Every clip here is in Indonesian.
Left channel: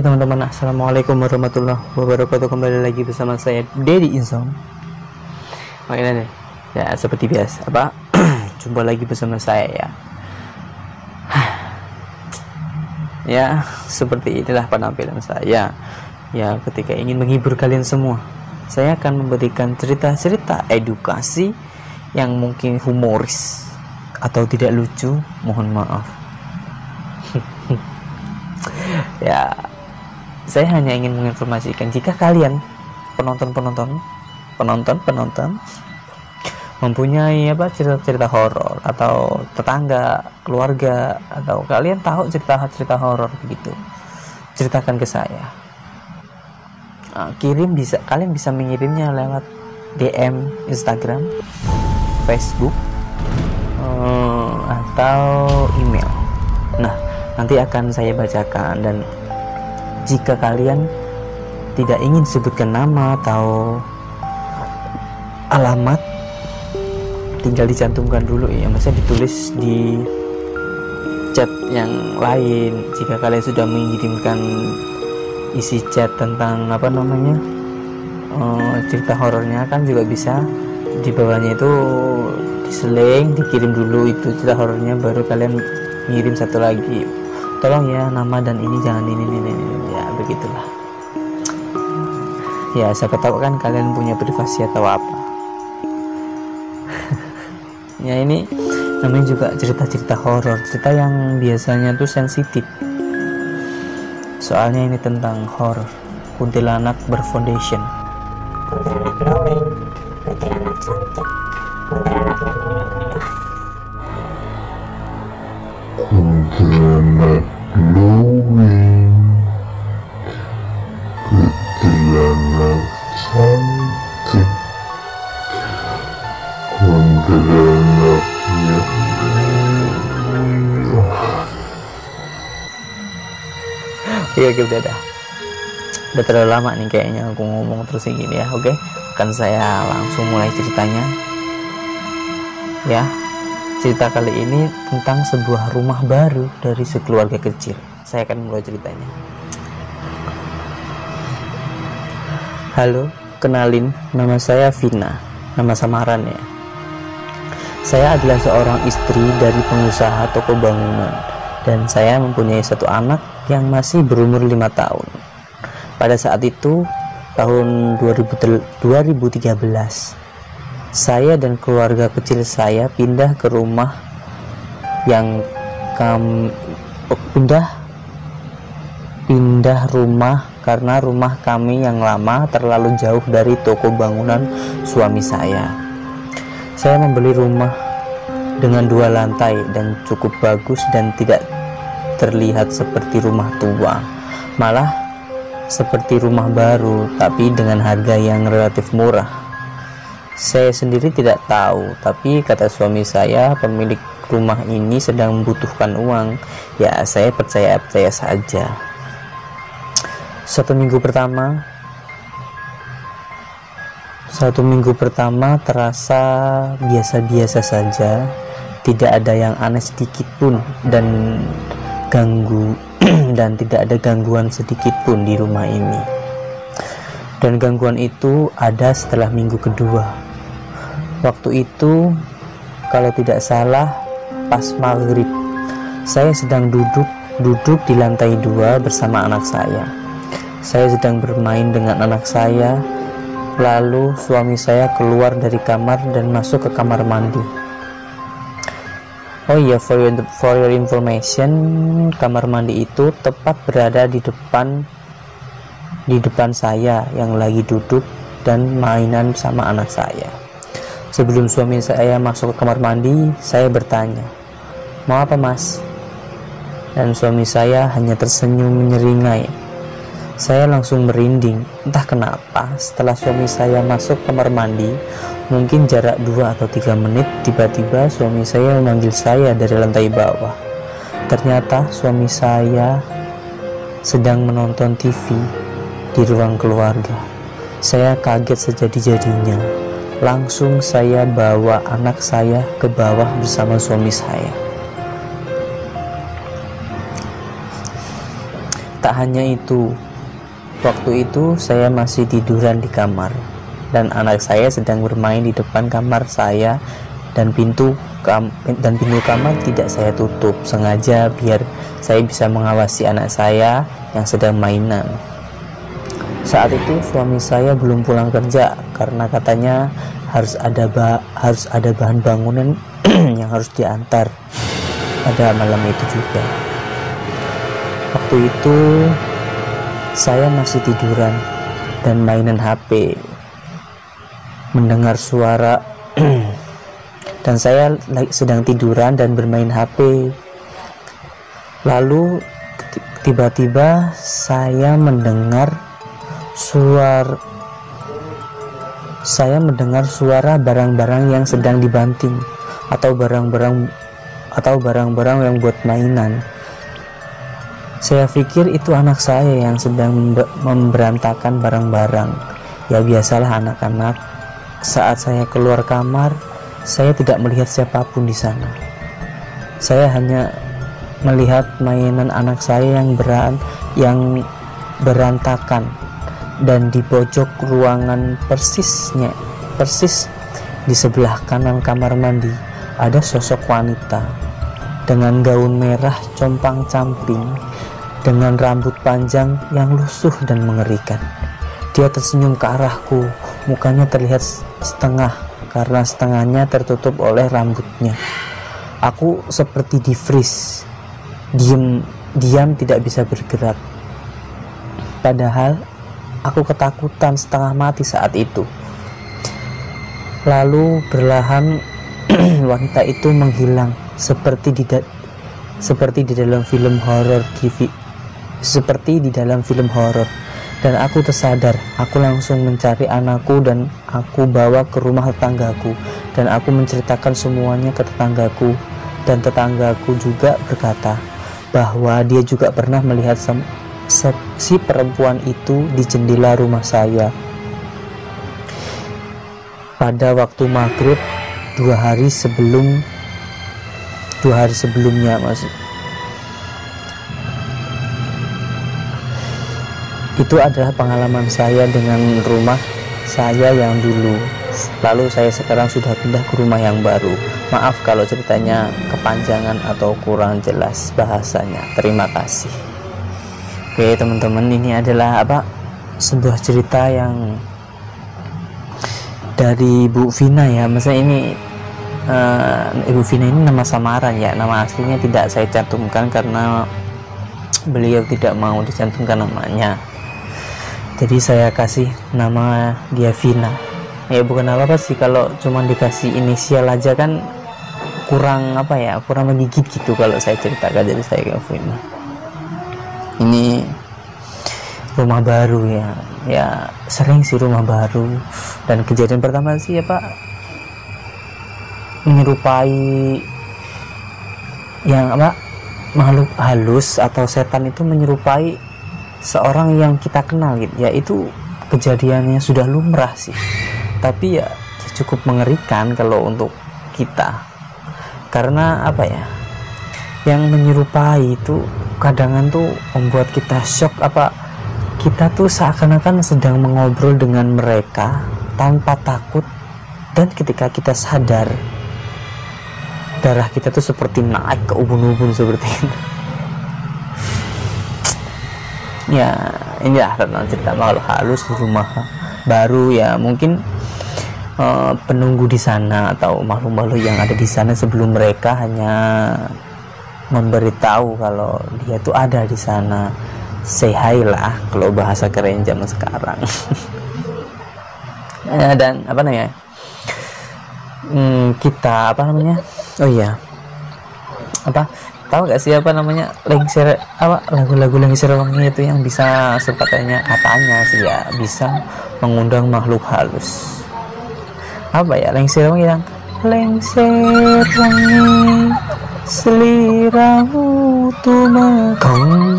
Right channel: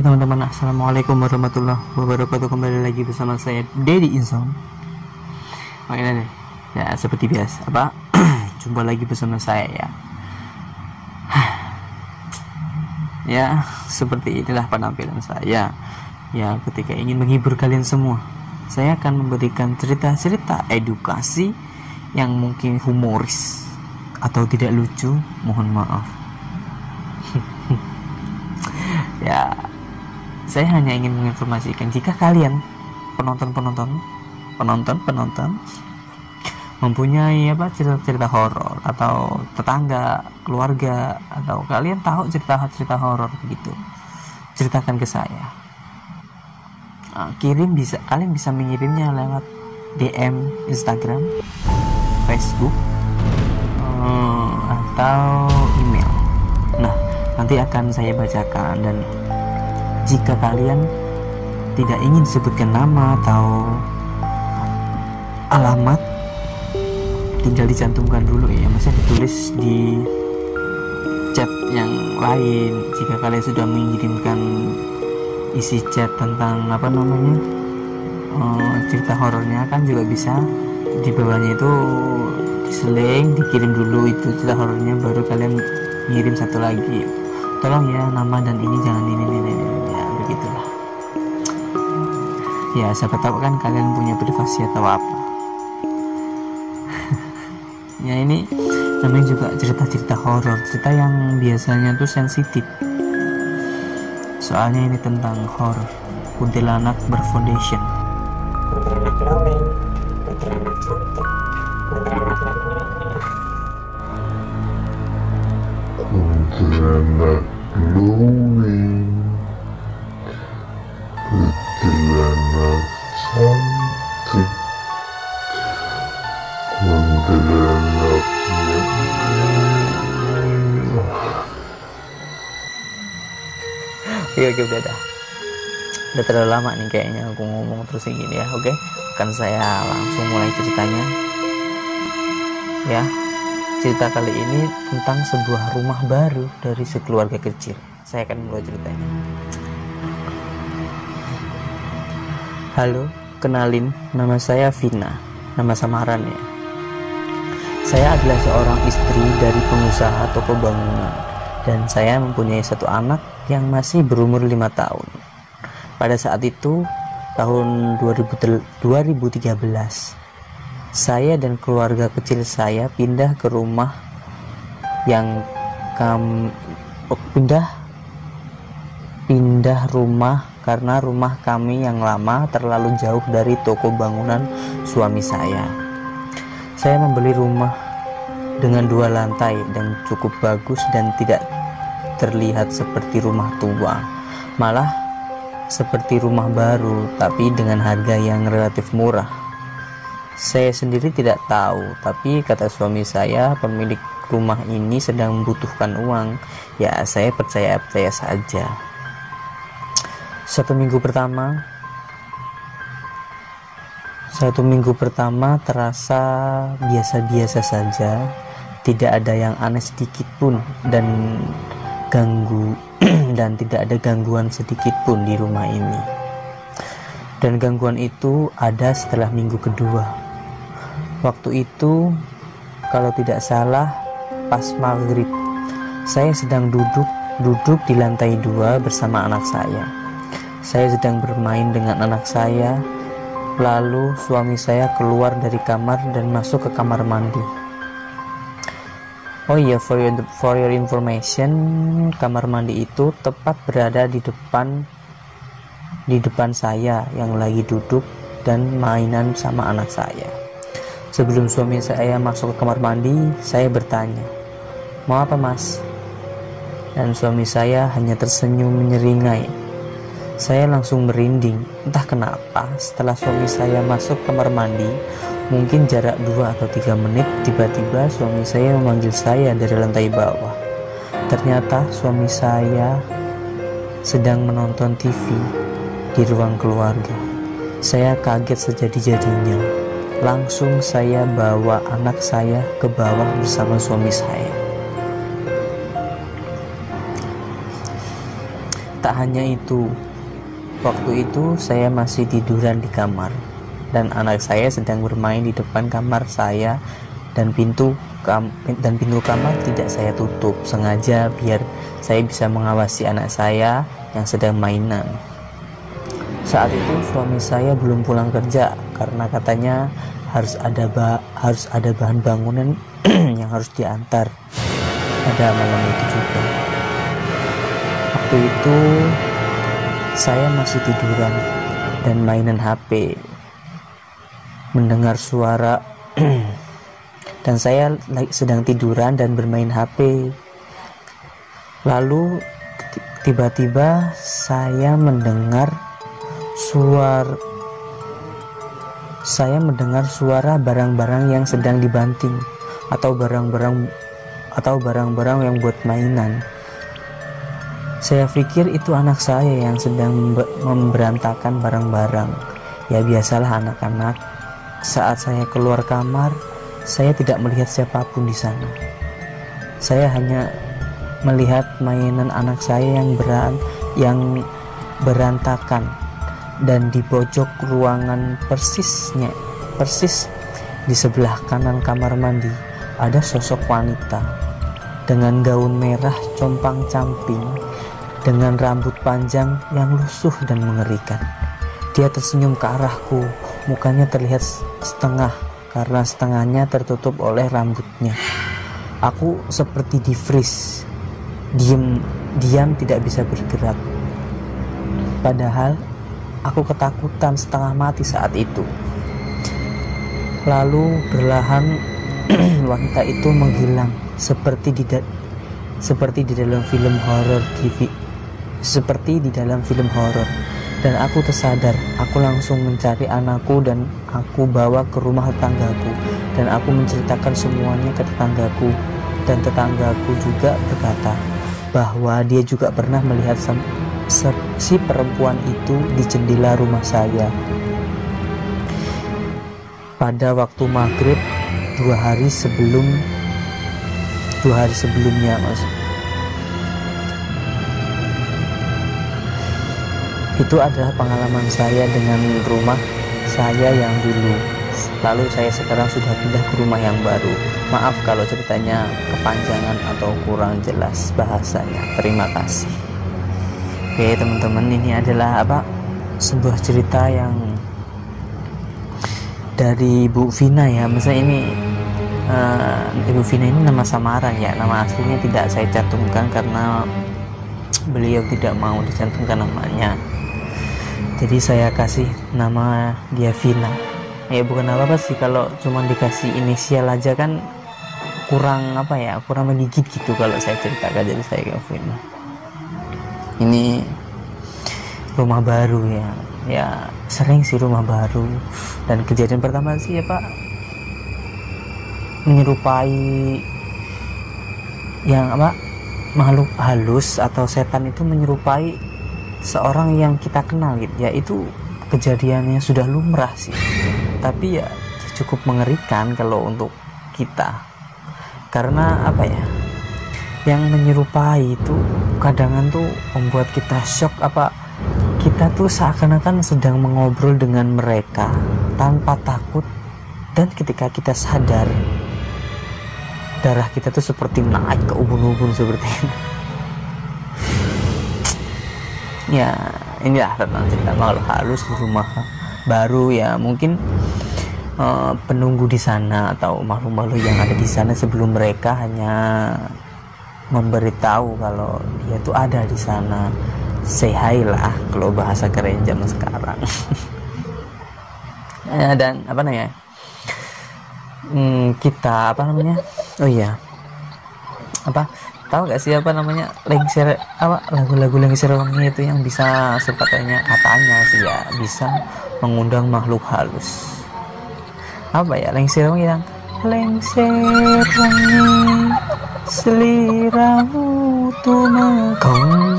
Oke teman-teman, assalamualaikum warahmatullahi wabarakatuh. Kembali lagi bersama saya Dedi Insong. Makanya deh, ya seperti biasa jumpa lagi bersama saya ya. Ya seperti inilah penampilan saya ya ketika ingin menghibur kalian semua. Saya akan memberikan cerita-cerita edukasi yang mungkin humoris atau tidak lucu, mohon maaf. Ya, saya hanya ingin menginformasikan jika kalian penonton mempunyai cerita-cerita horor atau tetangga, keluarga, atau kalian tahu cerita-cerita horor begitu, ceritakan ke saya. Kalian bisa mengirimnya lewat DM Instagram, Facebook, atau email. Nah, nanti akan saya bacakan, dan jika kalian tidak ingin disebutkan nama atau alamat, tinggal dicantumkan dulu ya, maksudnya ditulis di chat yang lain. Jika kalian sudah mengirimkan isi chat tentang cerita horornya, kan juga bisa di bawahnya itu diseling, dikirim dulu itu cerita horornya, baru kalian ngirim satu lagi, tolong ya nama dan ini jangan ini ya, begitulah ya. Siapa tahu kan kalian punya privasi atau apa. Ya, ini namanya juga cerita-cerita horor, cerita yang biasanya tuh sensitif, soalnya ini tentang horor kuntilanak berfoundation. Kuntilanak dongeng, kuntilanak cerita, kuntilanak kuntilanak dongeng, kuntilanak cantik, kuntilanak Oke, udah terlalu lama nih kayaknya aku ngomong terus gini ya. Oke, akan saya langsung mulai ceritanya ya. Cerita kali ini tentang sebuah rumah baru dari sekeluarga kecil. Saya akan mulai ceritanya. Halo, kenalin, nama saya Vina, nama samaran ya. Saya adalah seorang istri dari pengusaha toko bangunan, dan saya mempunyai satu anak yang masih berumur 5 tahun. Pada saat itu, tahun 2013, saya dan keluarga kecil saya pindah ke rumah pindah rumah karena rumah kami yang lama terlalu jauh dari toko bangunan suami saya. Saya membeli rumah dengan 2 lantai dan cukup bagus dan tidak terlihat seperti rumah tua, malah seperti rumah baru tapi dengan harga yang relatif murah. Saya sendiri tidak tahu, tapi kata suami saya pemilik rumah ini sedang membutuhkan uang. Ya, saya percaya saja. Satu minggu pertama terasa biasa-biasa saja, tidak ada yang aneh sedikit pun, dan tidak ada gangguan sedikit pun di rumah ini. Dan gangguan itu ada setelah minggu kedua. Waktu itu, kalau tidak salah, pas maghrib, saya sedang duduk di lantai 2 bersama anak saya. Saya sedang bermain dengan anak saya, lalu suami saya keluar dari kamar dan masuk ke kamar mandi. Oh iya, for your information, kamar mandi itu tepat berada di depan saya yang lagi duduk dan mainan sama anak saya. Sebelum suami saya masuk ke kamar mandi, saya bertanya, "Mau apa, Mas?" Dan suami saya hanya tersenyum menyeringai. Saya langsung merinding, entah kenapa. Setelah suami saya masuk kamar mandi, mungkin jarak 2 atau 3 menit, tiba-tiba suami saya memanggil saya dari lantai bawah. Ternyata suami saya sedang menonton TV di ruang keluarga. Saya kaget sejadi-jadinya. Langsung saya bawa anak saya ke bawah bersama suami saya. Tak hanya itu, waktu itu saya masih tiduran di kamar dan anak saya sedang bermain di depan kamar saya, dan pintu kamar tidak saya tutup sengaja biar saya bisa mengawasi anak saya yang sedang mainan. Saat itu suami saya belum pulang kerja karena katanya harus ada bahan bangunan yang harus diantar pada malam itu juga. Waktu itu saya masih tiduran dan mainan HP, mendengar suara dan saya sedang tiduran dan bermain HP. Lalu tiba-tiba saya mendengar suara barang-barang yang sedang dibanting atau barang-barang yang buat mainan. Saya pikir itu anak saya yang sedang memberantakan barang-barang. Ya biasalah anak-anak. Saat saya keluar kamar, saya tidak melihat siapapun di sana. Saya hanya melihat mainan anak saya yang berantakan, dan di pojok ruangan persis di sebelah kanan kamar mandi ada sosok wanita dengan gaun merah compang-camping dengan rambut panjang yang lusuh dan mengerikan. Dia tersenyum ke arahku, mukanya terlihat setengah karena setengahnya tertutup oleh rambutnya. Aku seperti di-freeze, diam tidak bisa bergerak. Padahal aku ketakutan setengah mati saat itu. Lalu perlahan wanita itu menghilang seperti di dalam film horor. Dan aku tersadar. Aku langsung mencari anakku dan aku bawa ke rumah tetanggaku, dan aku menceritakan semuanya ke tetanggaku, dan tetanggaku juga berkata bahwa dia juga pernah melihat si perempuan itu di jendela rumah saya pada waktu maghrib 2 hari sebelumnya. Itu adalah pengalaman saya dengan rumah saya yang dulu. Lalu saya sekarang sudah pindah ke rumah yang baru. Maaf kalau ceritanya kepanjangan atau kurang jelas bahasanya. Terima kasih. Oke teman-teman, ini adalah sebuah cerita yang dari Bu Vina ya. Maksudnya ini Ibu Vina ini nama samaran ya, nama aslinya tidak saya cantumkan karena beliau tidak mau dicantumkan namanya. Jadi saya kasih nama dia Vina. Ya bukan apa-apa sih, kalau cuma dikasih inisial aja kan kurang menggigit gitu kalau saya ceritakan. Jadi saya kayak Vina. Ini rumah baru ya sering sih rumah baru. Dan kejadian pertama sih menyerupai yang makhluk halus atau setan itu menyerupai seorang yang kita kenal gitu ya. Itu kejadiannya sudah lumrah sih, tapi ya cukup mengerikan kalau untuk kita, karena yang menyerupai itu kadang tuh membuat kita shock. Kita tuh seakan-akan sedang mengobrol dengan mereka tanpa takut, dan ketika kita sadar darah kita tuh seperti naik ke ubun-ubun seperti itu. Ya inilah tentang cerita makhluk halus di rumah baru ya. Mungkin penunggu di sana atau makhluk-makhluk yang ada di sana sebelum mereka hanya memberitahu kalau dia tuh ada di sana. Say hi lah kalau bahasa keren zaman sekarang. Dan kita tahu gak sih lagu-lagu Lengser Wangi itu yang bisa katanya sih ya bisa mengundang makhluk halus. Lengser Wangi yang lengser wangi seliramu tuh mekong.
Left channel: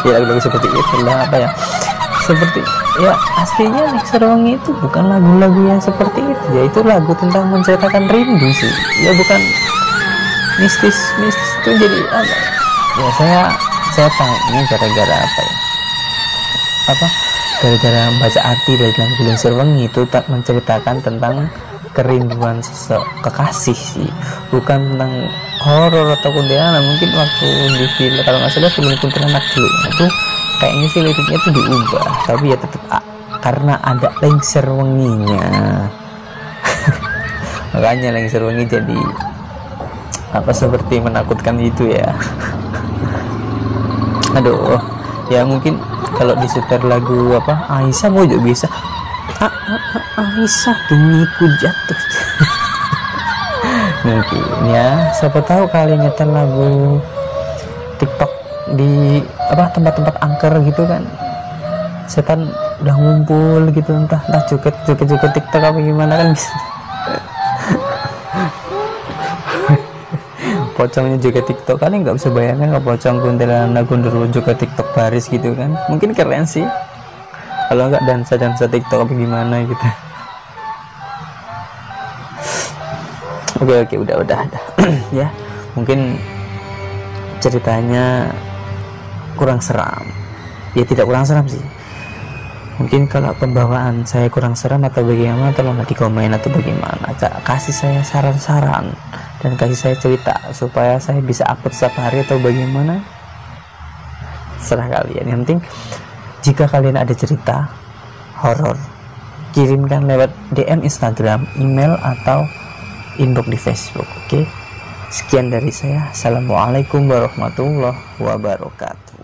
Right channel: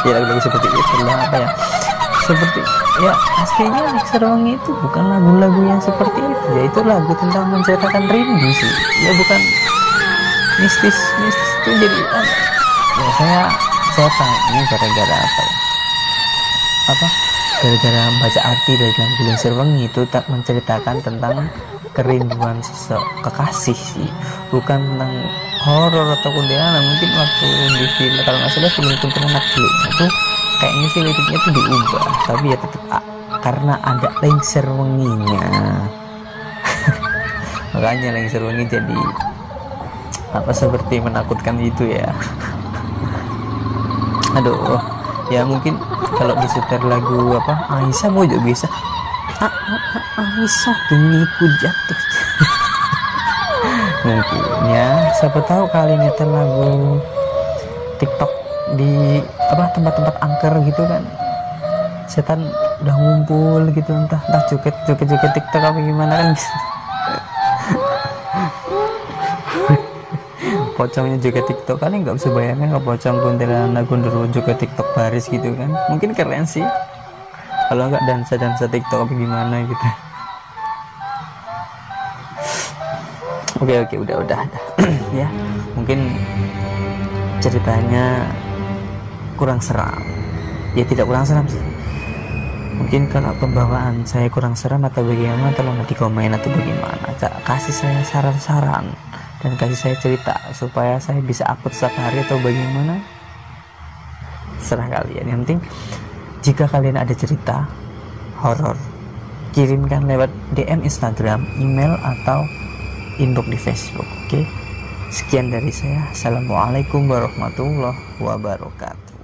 Ya lagu-lagu seperti itu lah seperti ya aslinya Lengser Wangi itu bukan lagu-lagu yang seperti itu ya. Itu lagu tentang menceritakan rindu sih ya, bukan mistis itu. Jadi ya saya Saya tanya gara-gara apa ya? Gara-gara baca arti dari dalam Gulung Sirwengi itu tak menceritakan tentang kerinduan kekasih sih, bukan tentang horor atau kuntilanak. Mungkin waktu di film, kalau nggak salah film kuntilanak dulu itu kayaknya sih liriknya itu diubah, tapi ya tetap karena ada lengser wenginya. Makanya lengser wengi jadi seperti menakutkan gitu ya. Aduh, ya mungkin kalau disetel lagu Aisyah mau juga bisa. Aisyah kini ku jatuh. Mungkin ya, siapa tahu kalian nyetel lagu TikTok di tempat-tempat angker gitu kan, setan udah ngumpul gitu, entah joget TikTok apa gimana kan. Pocongnya joget TikTok kan, nggak bisa bayangkan nggak pocong kuntilanak gundurwo joget TikTok baris gitu kan. Mungkin keren sih kalau nggak dansa TikTok apa gimana gitu. Oke, udah ya, mungkin ceritanya kurang seram. Ya tidak kurang seram sih, mungkin kalau pembawaan saya kurang seram atau bagaimana, tolong di komen atau bagaimana, kasih saya saran-saran dan kasih saya cerita supaya saya bisa upload setiap hari atau bagaimana, serah kalian. Yang penting jika kalian ada cerita horor, kirimkan lewat DM Instagram, email atau inbox di Facebook. Oke, sekian dari saya. Assalamualaikum warahmatullahi wabarakatuh.